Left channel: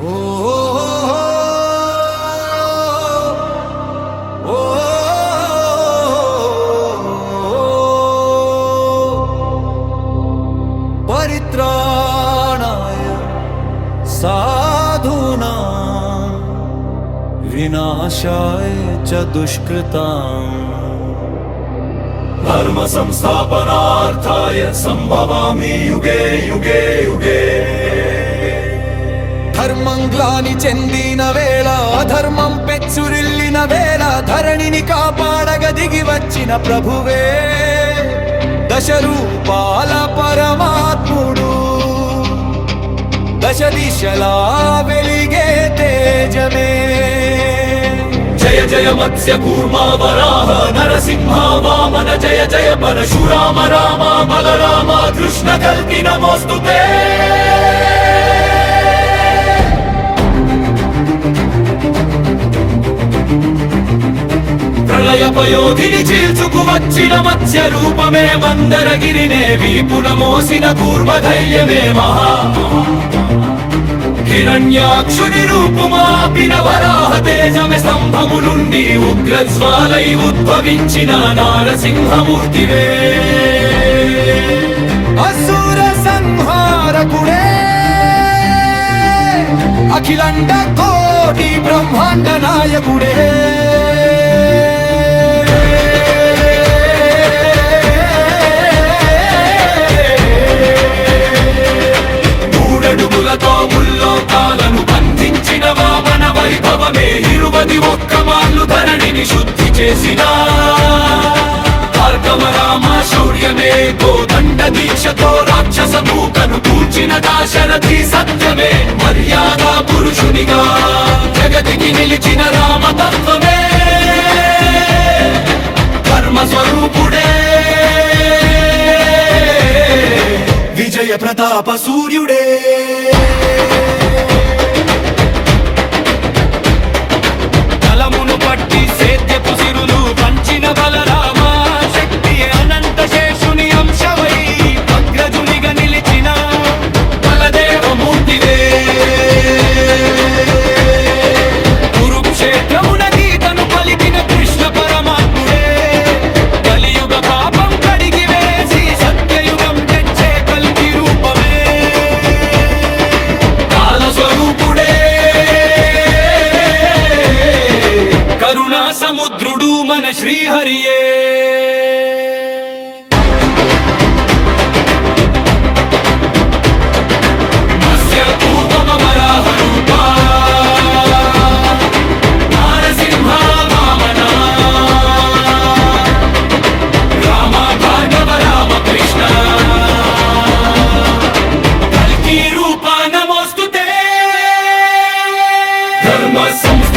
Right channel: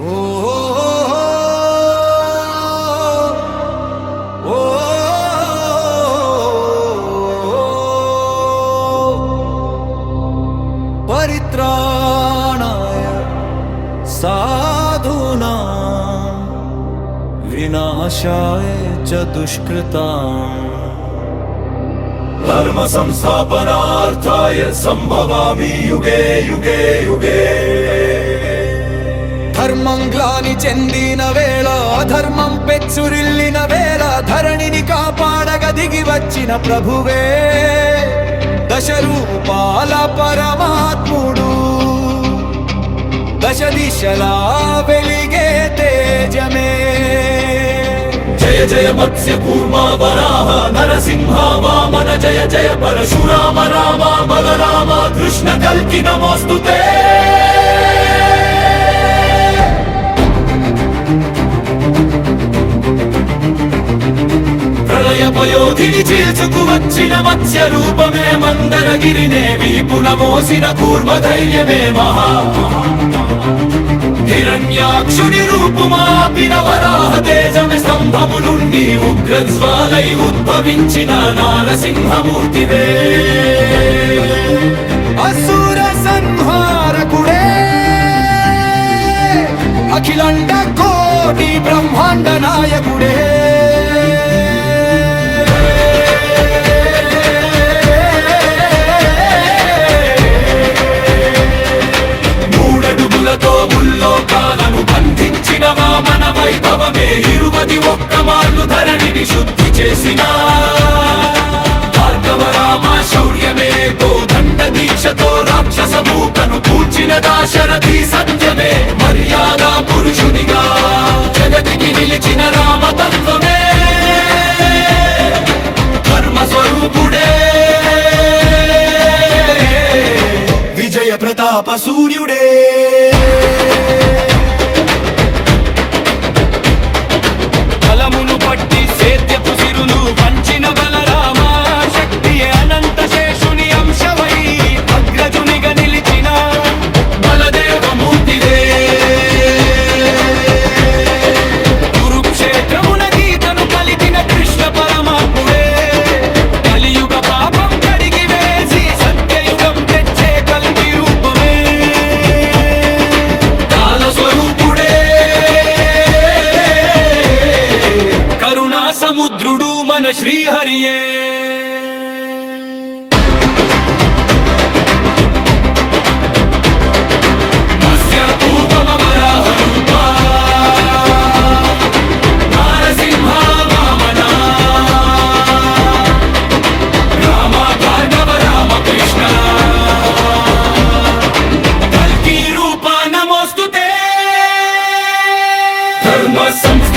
ఓ ఓ పరిత్రాణాయ సాధూనా వినాశాయ చ దుష్కృతాం ధర్మ సంస్థాపనార్థాయ సంభవామి యుగే యుగే యుగే. ధర్మంగ్లాని చెందిన వేళ అధర్మం పెచ్చురిల్లిన వేళ ధరణిని కాపాడగ దిగి వచ్చిన ప్రభువే దశరూపాల పరమాత్ముడు దశ దిశలా వెలిగే తేజమే. జయ జయ మత్స్య కూర్మ వరాహ నరసింహ వామన జయ జయ పరశురామ రామ బలరామ కృష్ణ కల్కి నమోస్తుతే. ప్రళయ పయోధిని చీల్చుకు వచ్చిన మత్స్య రూపమే మందరగిరినే వీపున మోసిన కూర్మ ధైర్యమే మహా. హిరణ్యాక్షుని రూపుమాపిన వరాహ తేజమే స్తంభములుండి ఉగ్రజ్వాలై ఉద్భవించిన నారసింహమూర్తివే. అసుర సంహారకుడే అఖిలండ కోటి బ్రహ్మాండ నాయకుడే. మూడడుగులతో ముల్లోకాలను బంధించిన వామన వైభవమే 21 మార్లు ధరణిని శుద్ధి చేసిన భార్గవరామ శౌర్యమే కోదండ దీక్షతో రాక్షస మూకను కూర్చిన దాశరథి సత్యమే మర్యాద పురుషునిగా జగతికి నిలిచిన రామతత్వమే కర్మ స్వరూపుడే విజయ ప్రతాప సూర్యుడే. బలమును పట్టి సేద్యపు సిరులు పంచిన బలరామ శక్తియే అనంత శేషుని అంశవై అగ్రజునిగా నిలిచిన బలదేవమూర్తివే. కురుక్షేత్రమున గీతను పలికిన కృష్ణ పరమాత్ముడే కలియుగ పాపం కడిగి వేసి సత్యయుగం తెచ్చే కల్కి రూపమే కాలస్వరూపుడే. కరుణా సముద్రుడు మన శ్రీహరియే. మత్స్యకూర్మ వరాహ రూపా నారసింహ వామన రామ భార్గవ రామ కృష్ణ కల్కి రూప నమోస్తుతే. ధర్మ సంస్థ